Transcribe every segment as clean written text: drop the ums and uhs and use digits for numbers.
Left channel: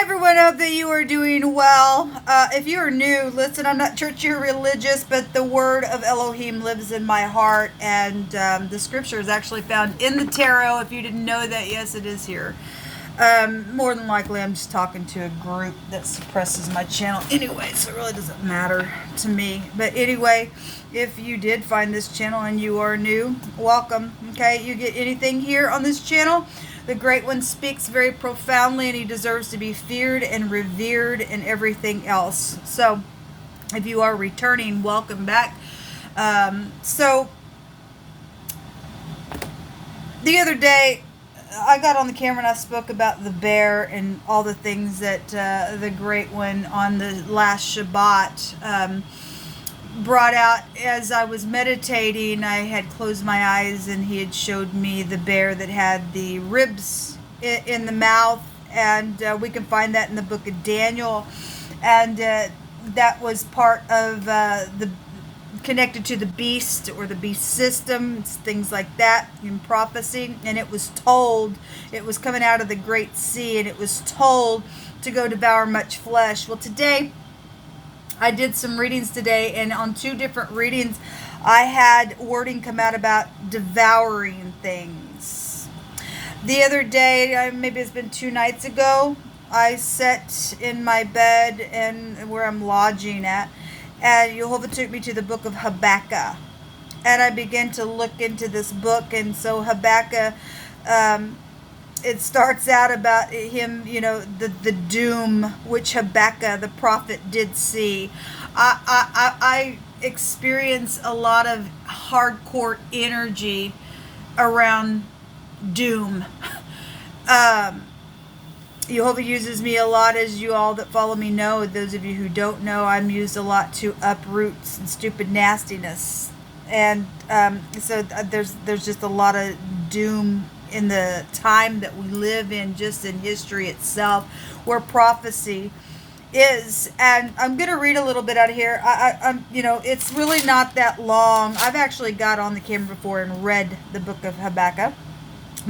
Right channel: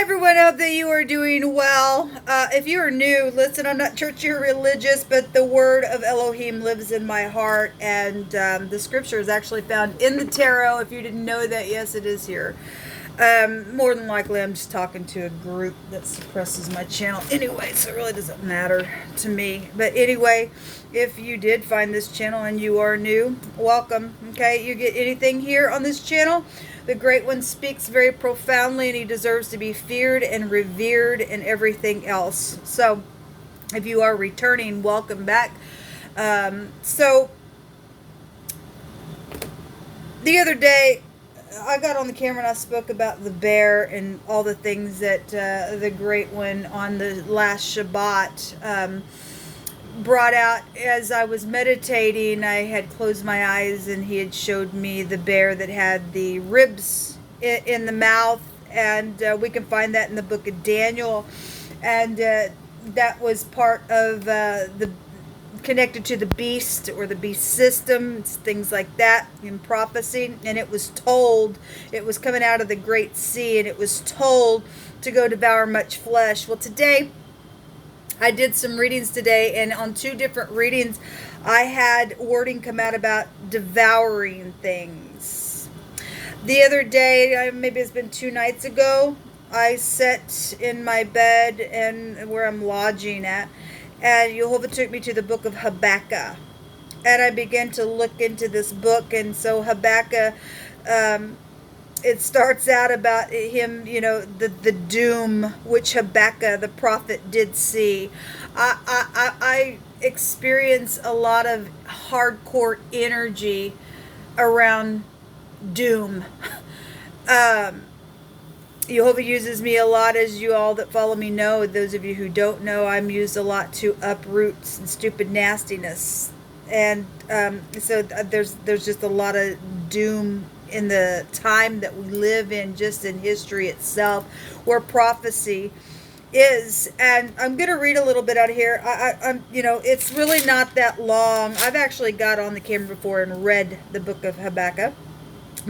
Hi everyone, I hope that you are doing well. If you are new, listen, I'm not churchy or religious, but the word of Elohim lives in my heart, and the scripture is actually found in the tarot. If you didn't know that, yes, it is here. More than likely, I'm just talking to a group that suppresses my channel anyway, so it really doesn't matter to me. But anyway, if you did find this channel and you are new, welcome. Okay, you get anything here on this channel. The Great One speaks very profoundly, and he deserves to be feared and revered and everything else. So if you are returning, welcome back. So the other day, I got on the camera and I spoke about the bear and all the things that the Great One on the last Shabbat brought out. As I was meditating, I had closed my eyes and he had showed me the bear that had the ribs in the mouth, and we can find that in the book of Daniel, and that was part of the connected to the beast or the beast system, things like that in prophecy. And it was told, it was coming out of the great sea, and it was told to go devour much flesh. Well, today I did some readings today, and on two different readings I had wording come out about devouring things. The other day, maybe it's been 2 nights ago, I sat in my bed and where I'm lodging at, and Jehovah took me to the book of Habakkuk, and I began to look into this book. And so Habakkuk, it starts out about him, you know, the doom which Habakkuk the prophet did see. I experience a lot of hardcore energy around doom. Jehovah uses me a lot, as you all that follow me know. Those of you who don't know, I'm used a lot to uproot and stupid nastiness. And so there's just a lot of doom in the time that we live in, just in history itself, where prophecy is. And I'm going to read a little bit out of here. I'm, you know, it's really not that long. I've actually got on the camera before and read the book of Habakkuk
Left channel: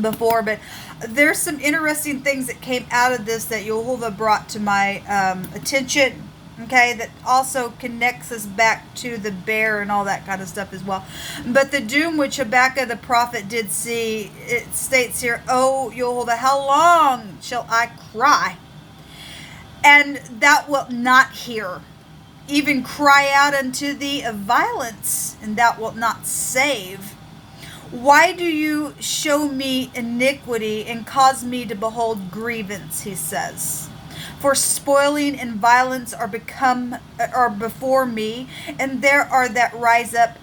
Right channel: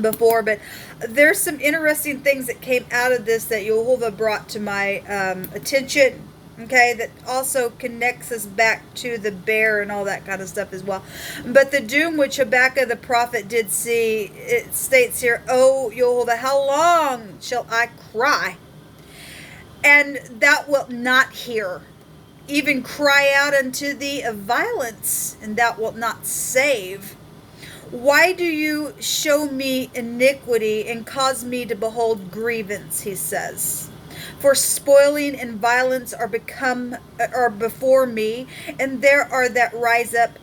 before, but there's some interesting things that came out of this that Jehovah brought to my attention, okay, that also connects us back to the bear and all that kind of stuff as well. But the doom which Habakkuk the prophet did see, it states here, "O Jehovah, how long shall I cry, and thou wilt not hear? Even cry out unto thee of violence, and thou wilt not save? Why do you show me iniquity and cause me to behold grievance?" he says. "For spoiling and violence are before me, and there are that rise up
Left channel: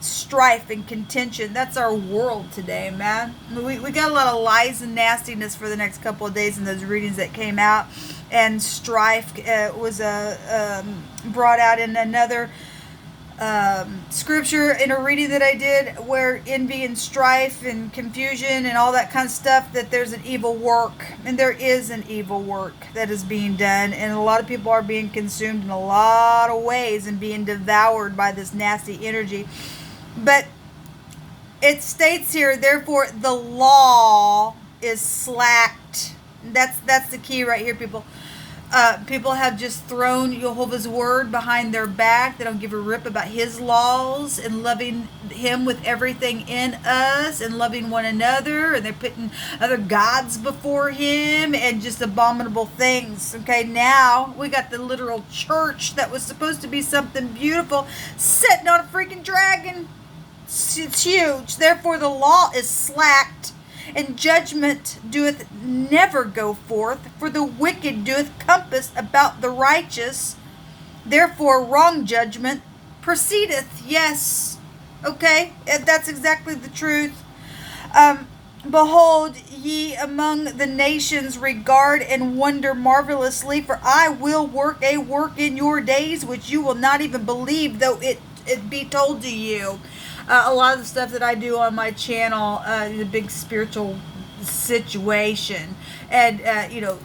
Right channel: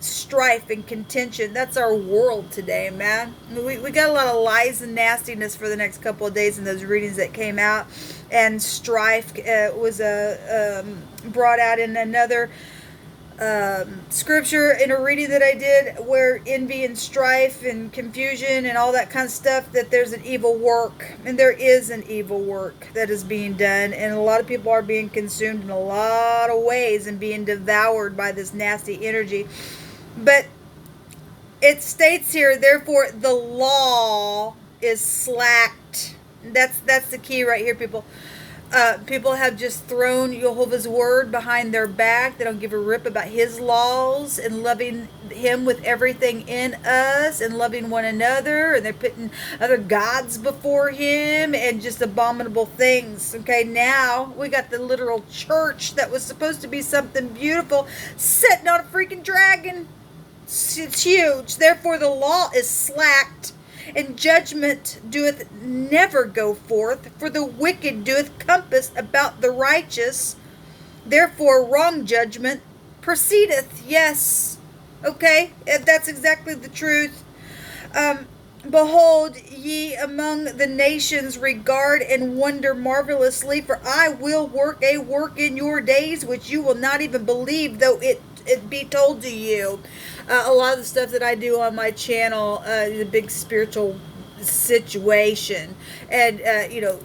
strife and contention." That's our world today, man. We got a lot of lies and nastiness for the next couple of days in those readings that came out. And strife was brought out in another scripture in a reading that I did, where envy and strife and confusion and all that kind of stuff, that there's an evil work, and there is an evil work that is being done, and a lot of people are being consumed in a lot of ways and being devoured by this nasty energy. But it states here, therefore the law is slacked. That's the key right here, people. People have just thrown Jehovah's word behind their back. They don't give a rip about his laws and loving him with everything in us and loving one another. And they're putting other gods before him and just abominable things. Okay, now we got the literal church that was supposed to be something beautiful sitting on a freaking dragon. It's huge. Therefore the law is slacked, and judgment doeth never go forth, for the wicked doeth compass about the righteous. Therefore wrong judgment proceedeth. Yes, okay, that's exactly the truth. Behold, ye among the nations regard and wonder marvelously, for I will work a work in your days which you will not even believe, though it be told to you. A lot of the stuff that I do on my channel is a big spiritual situation. And, you know,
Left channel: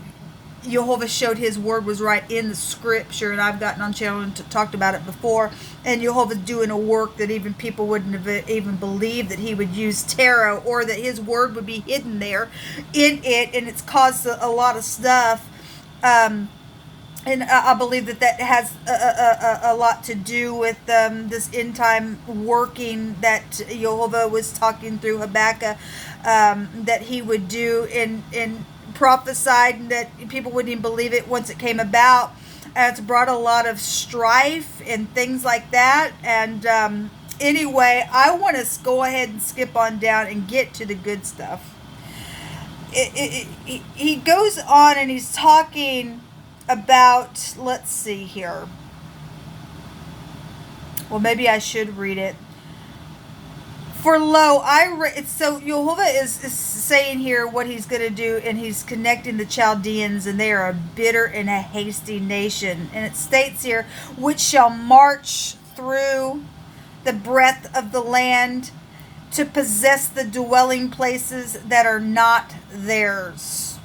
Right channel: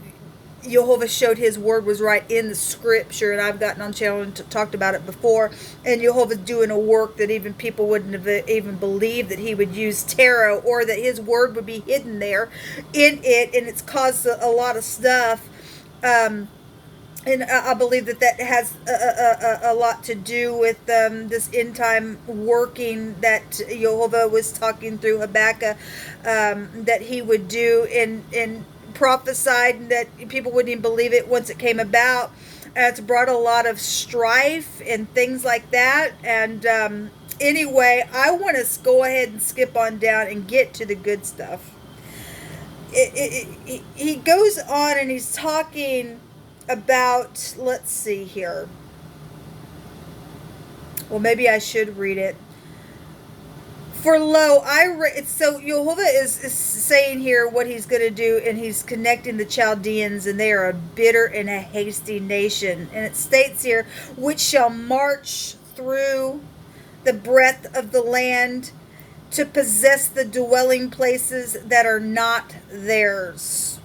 Jehovah showed his word was right in the scripture, and I've gotten on channel and talked about it before. And Jehovah's doing a work that even people wouldn't have even believed that he would use tarot, or that his word would be hidden there in it. And it's caused a lot of stuff And I believe that has a lot to do with this end time working that Jehovah was talking through Habakkuk, that he would do and prophesied that people wouldn't even believe it once it came about. It's brought a lot of strife and things like that. And anyway, I want to go ahead and skip on down and get to the good stuff. He goes on and he's talking about, let's see here. Well, maybe I should read it. For lo, so Jehovah is saying here what he's going to do, and he's connecting the Chaldeans, and they are a bitter and a hasty nation. And it states here, which shall march through the breadth of the land to possess the dwelling places that are not theirs.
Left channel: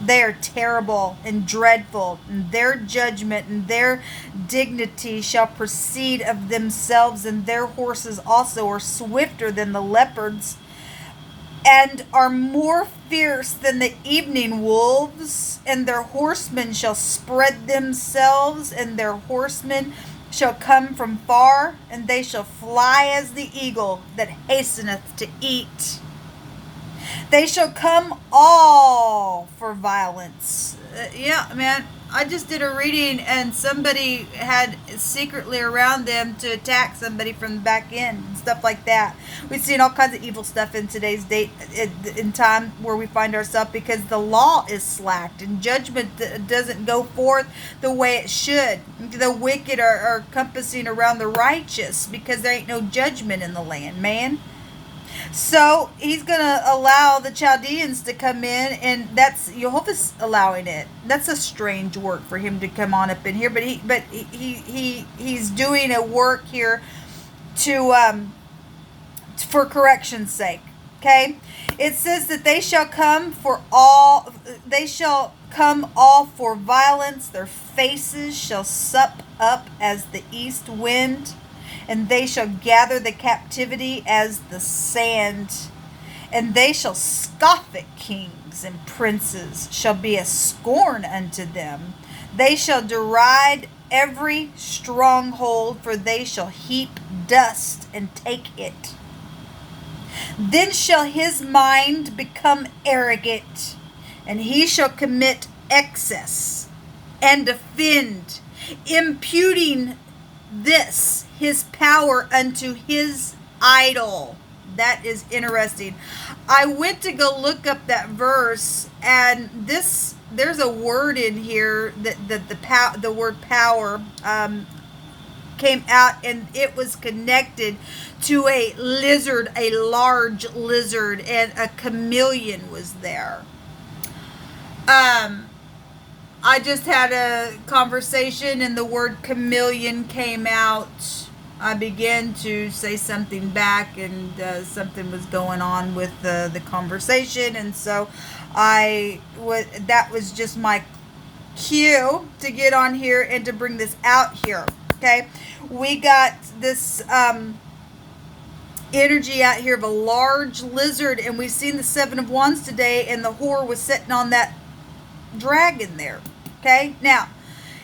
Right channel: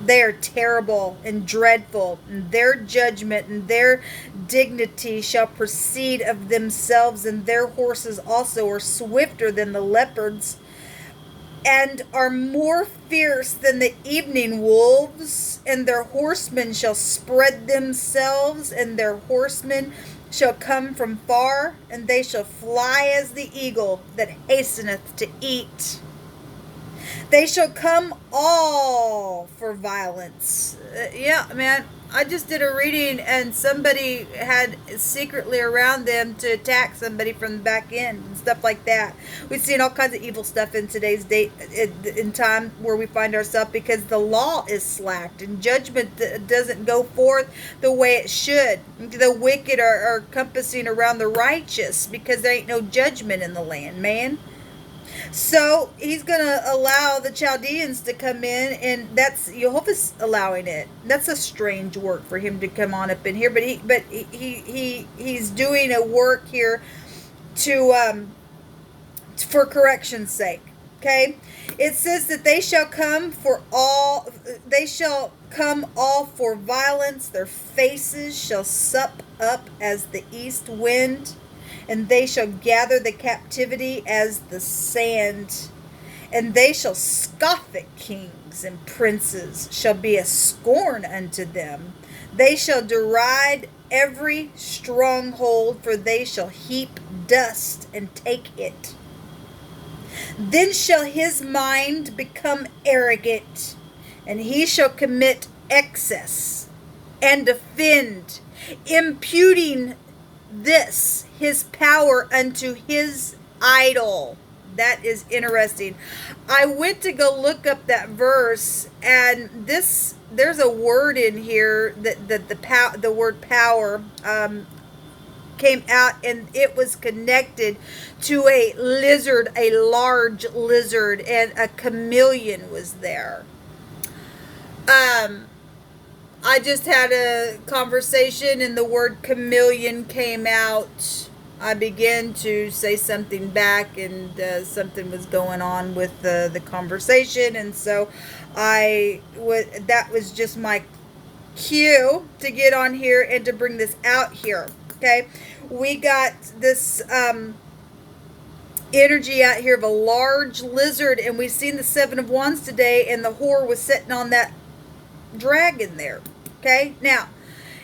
They are terrible and dreadful, and their judgment and their dignity shall proceed of themselves, and their horses also are swifter than the leopards, and are more fierce than the evening wolves, and their horsemen shall spread themselves, and their horsemen shall come from far, and they shall fly as the eagle that hasteneth to eat. They shall come all for violence. Yeah, man, I just did a reading and somebody had secretly around them to attack somebody from the back end and stuff like that. We've seen all kinds of evil stuff in today's date, in time where we find ourselves, because the law is slacked and judgment doesn't go forth the way it should. The wicked are compassing around the righteous because there ain't no judgment in the land, man. So he's going to allow the Chaldeans to come in, and that's Jehovah's allowing it. That's a strange work for him to come on up in here, but he's doing a work here to for correction's sake. Okay, it says that they shall come all for violence. Their faces shall sup up as the east wind. And they shall gather the captivity as the sand. And they shall scoff at kings, and princes shall be a scorn unto them. They shall deride every stronghold, for they shall heap dust and take it. Then shall his mind become arrogant, and he shall commit excess and offend, imputing this his power unto his idol. That is interesting. I went to go look up that verse, and there's a word in here that the word power came out, and it was connected to a lizard, a large lizard, and a chameleon was there. I just had a conversation and the word chameleon came out. I began to say something back, and something was going on with the conversation, and so that was just my cue to get on here and to bring this out here. Okay, we got this energy out here of a large lizard, and we've seen the Seven of Wands today, and the whore was sitting on that dragon there. Okay, now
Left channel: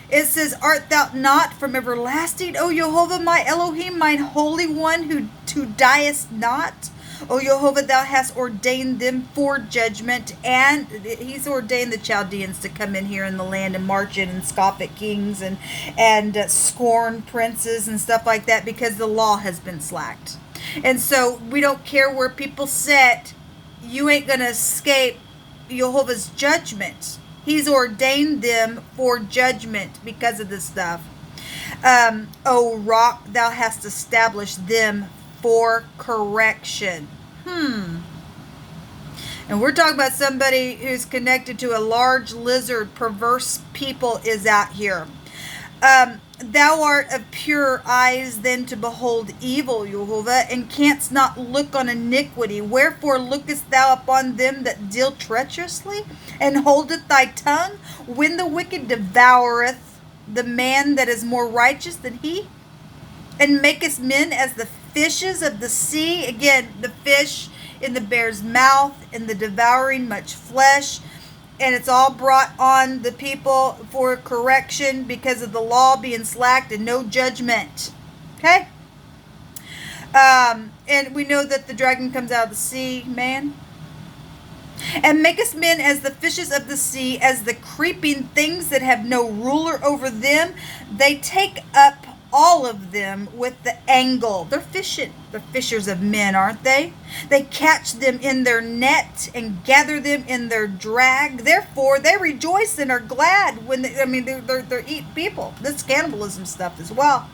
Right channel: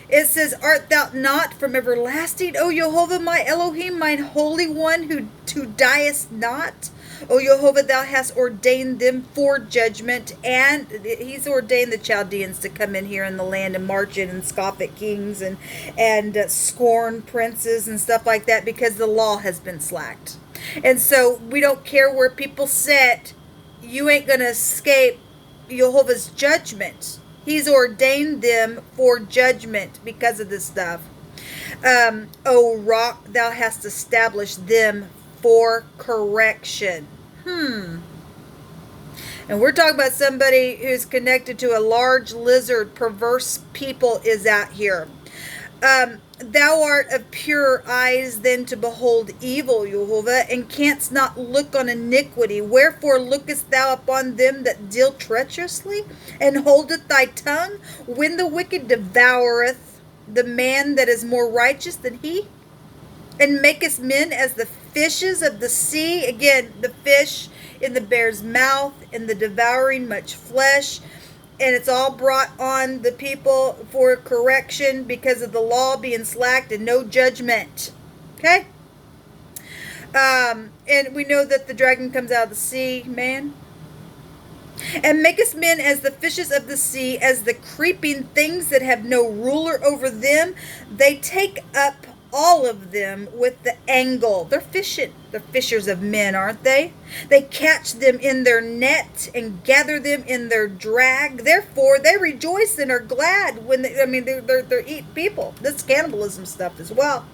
it says, art thou not from everlasting, O Jehovah, my Elohim, mine holy one, who diest not? O Jehovah, thou hast ordained them for judgment. And he's ordained the Chaldeans to come in here in the land and march in and scoff at kings and scorn princes and stuff like that, because the law has been slacked. And so we don't care where people sit, you ain't going to escape Jehovah's judgment. He's ordained them for judgment because of this stuff. O rock, thou hast established them for correction. And we're talking about somebody who's connected to a large lizard. Perverse people is out here. Thou art of pure eyes then to behold evil, Jehovah, and canst not look on iniquity. Wherefore lookest thou upon them that deal treacherously, and holdeth thy tongue, when the wicked devoureth the man that is more righteous than he? And makest men as the fishes of the sea. Again, the fish in the bear's mouth, in the devouring much flesh. and it's all brought on the people for correction because of the law being slacked and no judgment. Okay? And we know that the dragon comes out of the sea, man. And makest men as the fishes of the sea, as the creeping things that have no ruler over them. They take up all of them with the angle. They're fishing. They're fishers of men, aren't they? They catch them in their net and gather them in their drag. Therefore, they rejoice and are glad when they're eating people. This cannibalism stuff as well.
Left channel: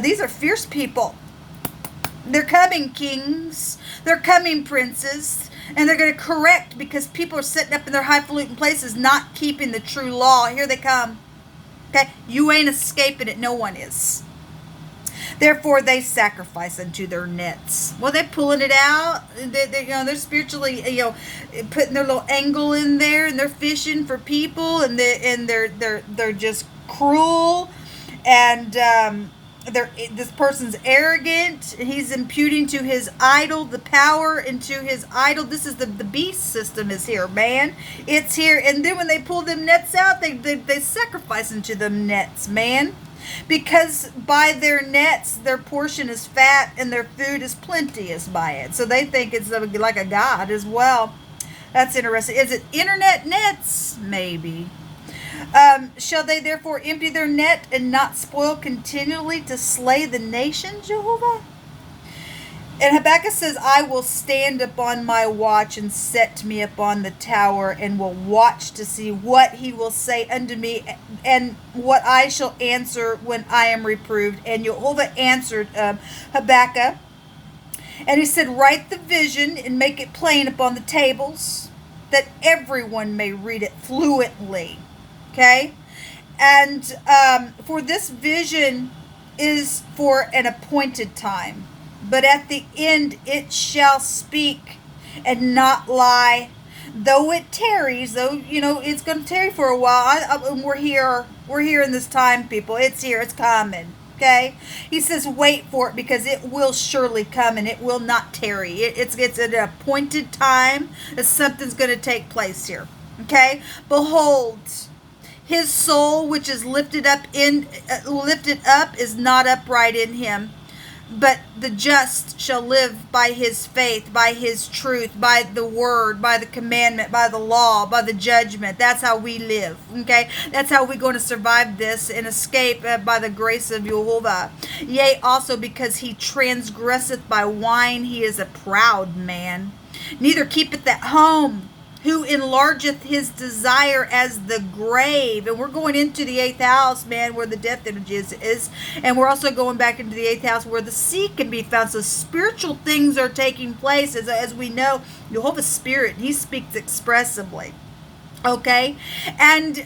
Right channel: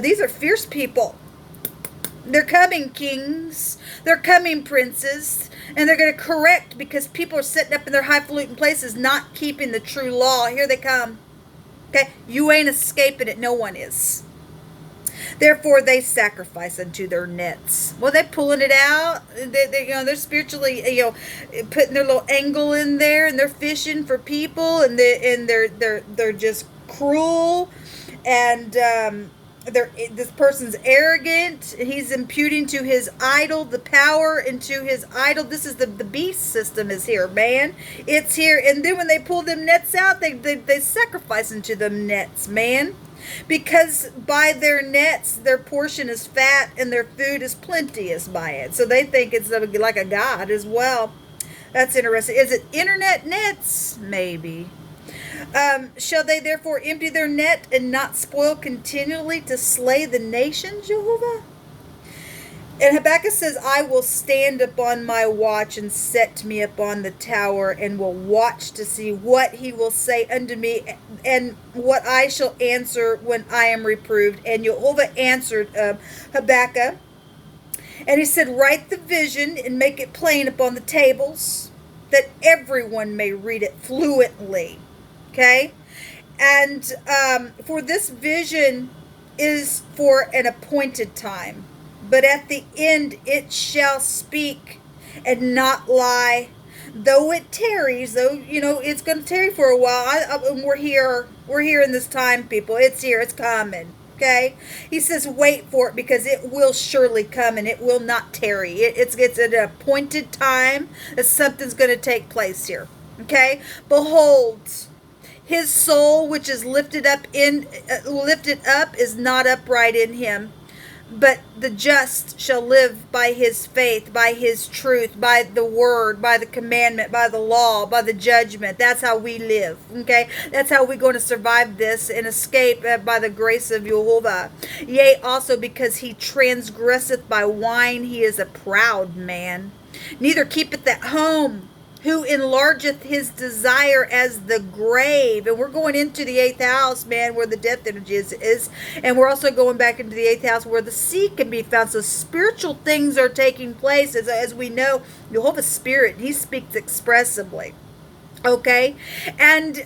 These are fierce people. They're coming kings. They're coming princes. And they're going to correct because people are sitting up in their highfalutin places not keeping the true law. Here they come. Okay? You ain't escaping it. No one is. Therefore, they sacrifice unto their nets. Well, they're pulling it out. They're spiritually, putting their little angle in there, and they're fishing for people, and they're just cruel, and this person's arrogant. He's imputing to his idol the power into his idol. This is the beast system is here, man. It's here, and then when they pull them nets out, they sacrifice into them nets, man. Because by their nets, their portion is fat and their food is plenteous by it. So they think it's like a god as well. That's interesting. Is it internet nets? Maybe. Shall they therefore empty their net and not spoil continually to slay the nation, Jehovah? And Habakkuk says, I will stand upon my watch and set me upon the tower and will watch to see what he will say unto me and what I shall answer when I am reproved. And Jehovah answered Habakkuk, and he said, write the vision and make it plain upon the tables that everyone may read it fluently. Okay? And for this vision is for an appointed time. But at the end it shall speak and not lie. Though it tarries, though, it's going to tarry for a while. We're here in this time, people. It's here. It's coming. Okay? He says, wait for it because it will surely come and it will not tarry. It's an appointed time that something's going to take place here. Okay? Behold, his soul which is lifted up is not upright in him. But the just shall live by his faith, by his truth, by the word, by the commandment, by the law, by the judgment. That's how we live, okay? That's how we're going to survive this and escape by the grace of Jehovah. Yea, also because he transgresseth by wine, he is a proud man. Neither keepeth at home, who enlargeth his desire as the grave. And we're going into the 8th house, man, where the death energy is. And we're also going back into the 8th house where the sea can be found. So spiritual things are taking place. As we know, Jehovah's Spirit, he speaks expressively. Okay? And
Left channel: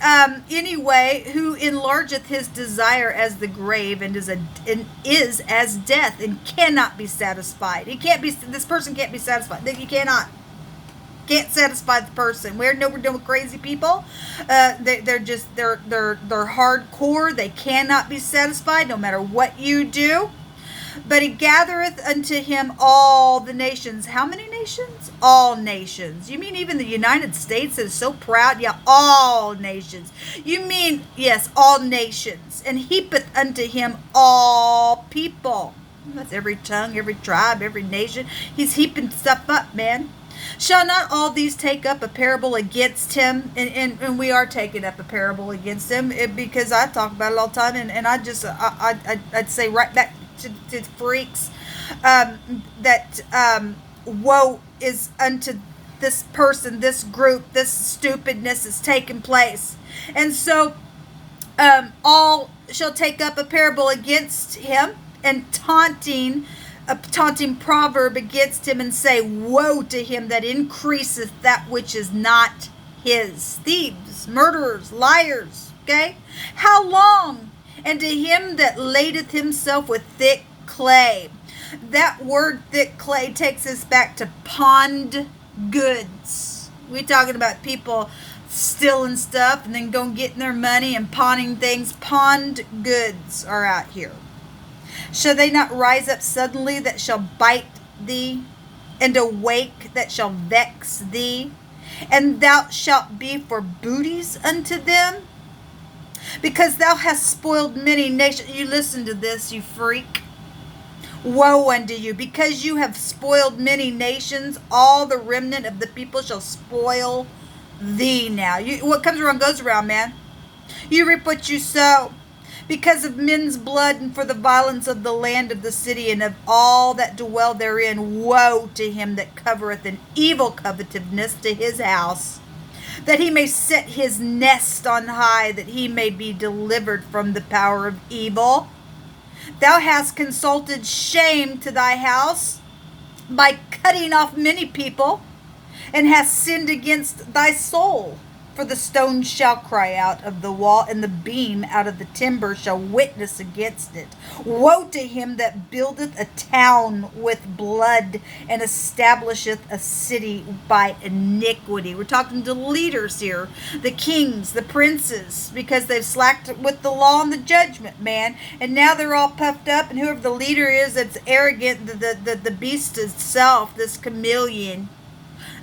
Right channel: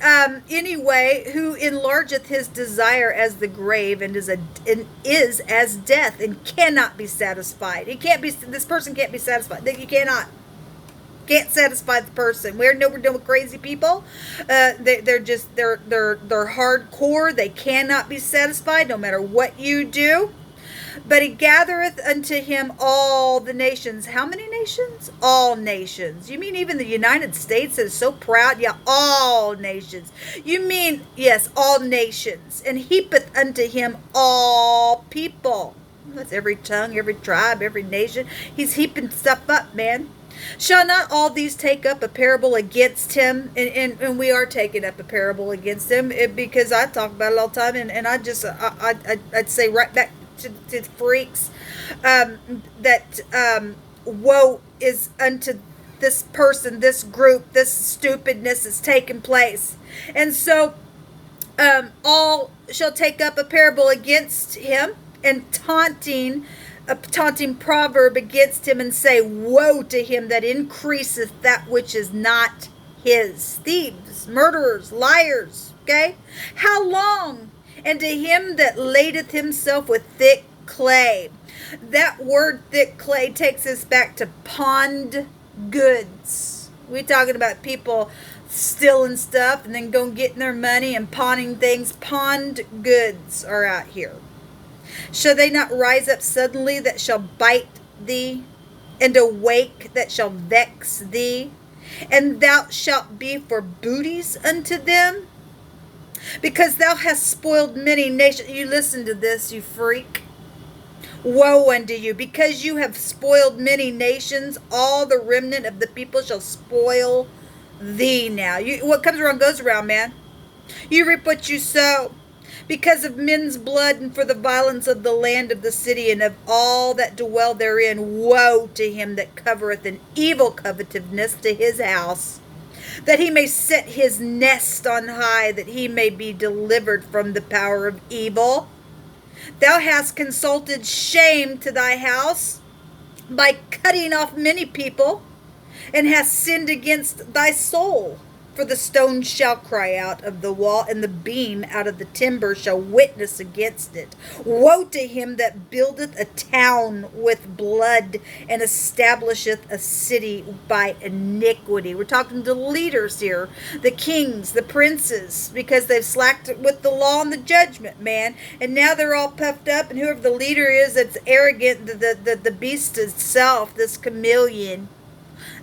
anyway, who enlargeth his desire as the grave and is as death and cannot be satisfied. This person can't be satisfied. You can't satisfy the person. We're dealing with crazy people. They're hardcore. They cannot be satisfied no matter what you do. But he gathereth unto him all the nations. How many nations? All nations. You mean even the United States that is so proud? Yeah, all nations. You mean, yes, all nations. And heapeth unto him all people. That's every tongue, every tribe, every nation. He's heaping stuff up, man. Shall not all these take up a parable against him? And we are taking up a parable against him because I talk about it all the time. And I'd say right back to the freaks that woe is unto this person, this group, this stupidness is taking place. And so all shall take up a parable against him and a taunting proverb against him and say, woe to him that increaseth that which is not his. Thieves, murderers, liars, okay? How long? And to him that ladeth himself with thick clay. That word thick clay takes us back to pawned goods. We're talking about people stealing stuff and then going getting their money and pawning things. Pawned goods are out here. Shall they not rise up suddenly that shall bite thee, and awake that shall vex thee? and thou shalt be for booties unto them, because thou hast spoiled many nations. You listen to this, you freak. Woe unto you, because you have spoiled many nations, all the remnant of the people shall spoil thee now. What comes around goes around, man. You reap what you sow. Because of men's blood, and for the violence of the land of the city, and of all that dwell therein, woe to him that covereth an evil covetousness to his house, that he may set his nest on high, that he may be delivered from the power of evil. Thou hast consulted shame to thy house by cutting off many people, and hast sinned against thy soul. For the stone shall cry out of the wall, and the beam out of the timber shall witness against it. Woe to him that buildeth a town with blood, and establisheth a city by iniquity. We're talking to leaders here, the kings, the princes, because they've slacked with the law and the judgment, man. And now they're all puffed up, and whoever the leader is that's arrogant, the beast itself, this chameleon,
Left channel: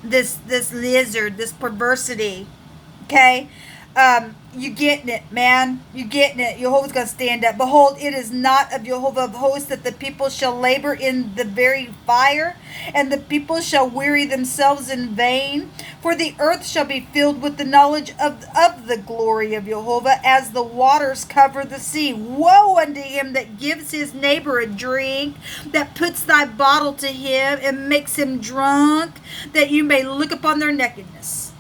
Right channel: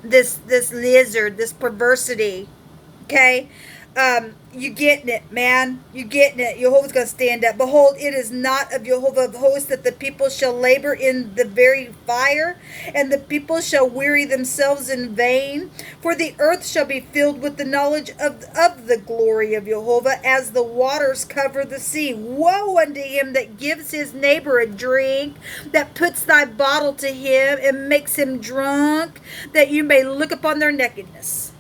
this lizard, this perversity. Okay, you getting it, man. You getting it. Jehovah's going to stand up. Behold, it is not of Jehovah of hosts that the people shall labor in the very fire, and the people shall weary themselves in vain. For the earth shall be filled with the knowledge of the glory of Jehovah, as the waters cover the sea. Woe unto him that gives his neighbor a drink, that puts thy bottle to him, and makes him drunk, that you may look upon their nakedness.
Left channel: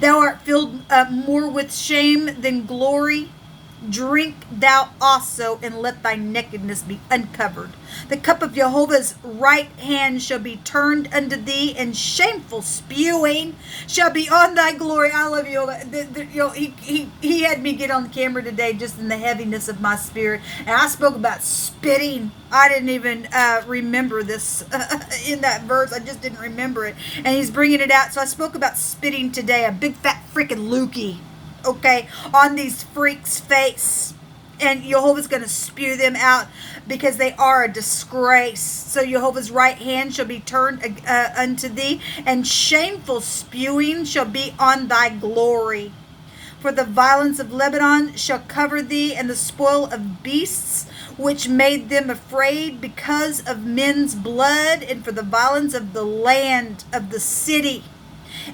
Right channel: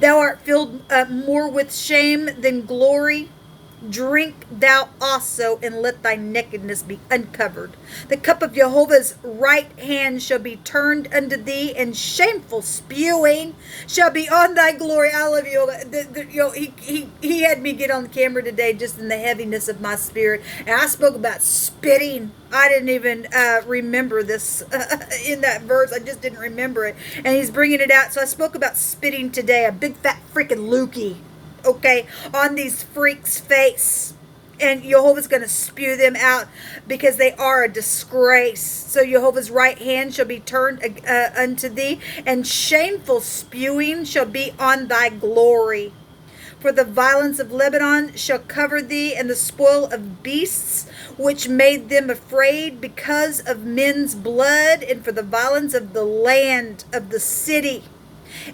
Thou art filled more with shame than glory. Drink thou also, and let thy nakedness be uncovered. The cup of Jehovah's right hand shall be turned unto thee, and shameful spewing shall be on thy glory. I love you. He had me get on the camera today just in the heaviness of my spirit, and I spoke about spitting. I didn't even remember this in that verse. I just didn't remember it, and he's bringing it out. So I spoke about spitting today, a big fat freaking loogie. Okay, on these freaks' face, and Jehovah's going to spew them out because they are a disgrace. So Jehovah's right hand shall be turned unto thee, and shameful spewing shall be on thy glory. For the violence of Lebanon shall cover thee, and the spoil of beasts which made them afraid because of men's blood, and for the violence of the land of the city,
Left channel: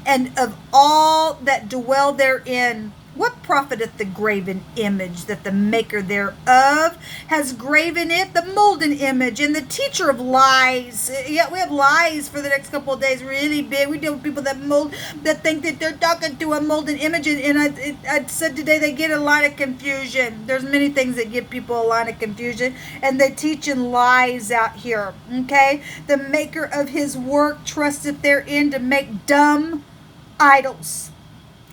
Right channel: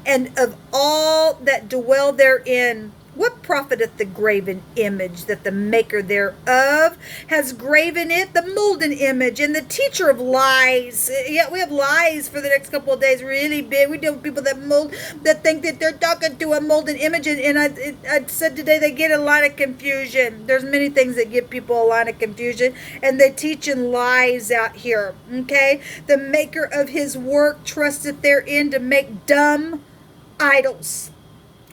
and of all that dwell therein. What profiteth the graven image, that the maker thereof has graven it, the molten image, and the teacher of lies? Yeah, we have lies for the next couple of days, really big. We deal with people that think that they're talking to a molten image, and I said today they get a lot of confusion. There's many things that give people a lot of confusion, and they're teaching lies out here, okay? The maker of his work trusteth therein to make dumb idols.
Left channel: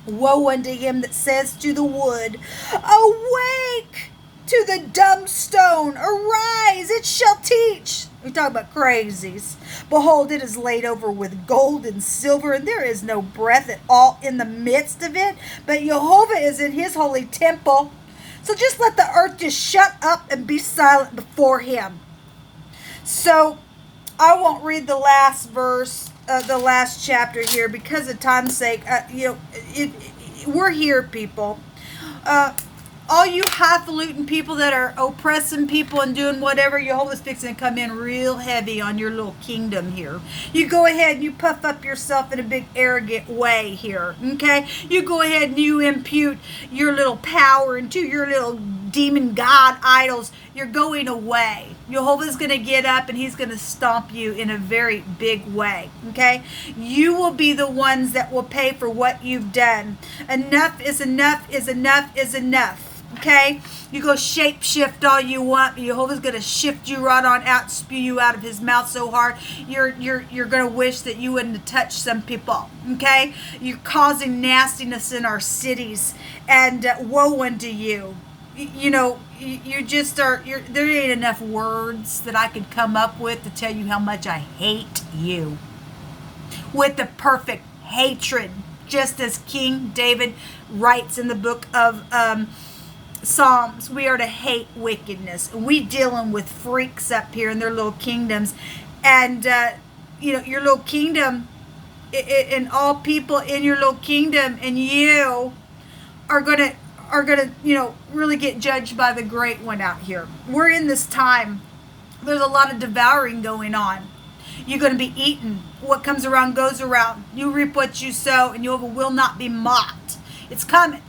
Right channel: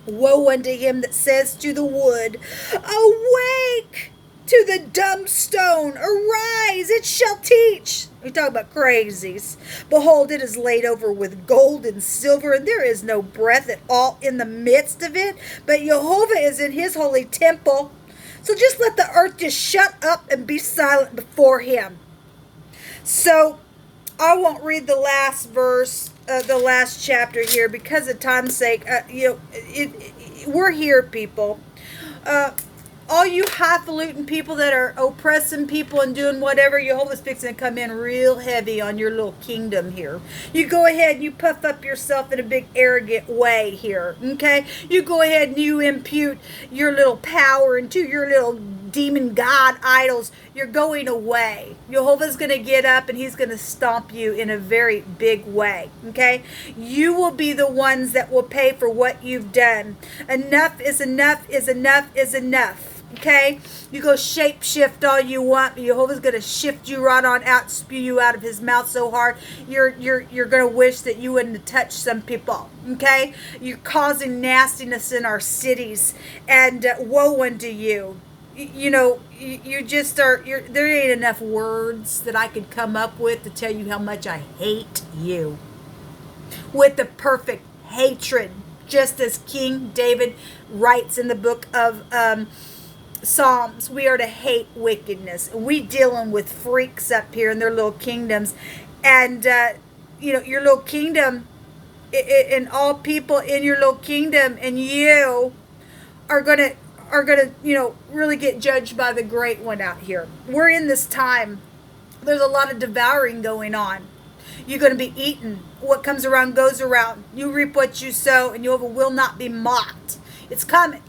Woe unto him that says to the wood, awake! To the dumb stone, arise, it shall teach. We talk about crazies. Behold, it is laid over with gold and silver, and there is no breath at all in the midst of it. But Jehovah is in his holy temple. So just let the earth just shut up and be silent before him. So I won't read the last verse, the last chapter here, because of time's sake. We're here, people. All you highfalutin people that are oppressing people and doing whatever, Jehovah's fixing to come in real heavy on your little kingdom here. You go ahead and you puff up yourself in a big arrogant way here, okay? You go ahead and you impute your little power into your little demon god idols. You're going away. Jehovah's going to get up and he's going to stomp you in a very big way, okay? You will be the ones that will pay for what you've done. Enough is enough is enough is enough. Okay, you go shape shift all you want, but Jehovah's going to shift you right on out, spew you out of his mouth so hard you're going to wish that you wouldn't have touched some people. Okay, you're causing nastiness in our cities, and woe unto you. You just are. There ain't enough words that I could come up with to tell you how much I hate you with the perfect hatred, just as King David writes in the book of Psalms. We are to hate wickedness. We dealing with freaks up here in their little kingdoms, and your little kingdom and all people in your little kingdom, and you are gonna really get judged by the great one out here. We're in this time. There's a lot of devouring going on. You're going to be eaten. What comes around goes around. You reap what you sow, and you will not be mocked. It's coming.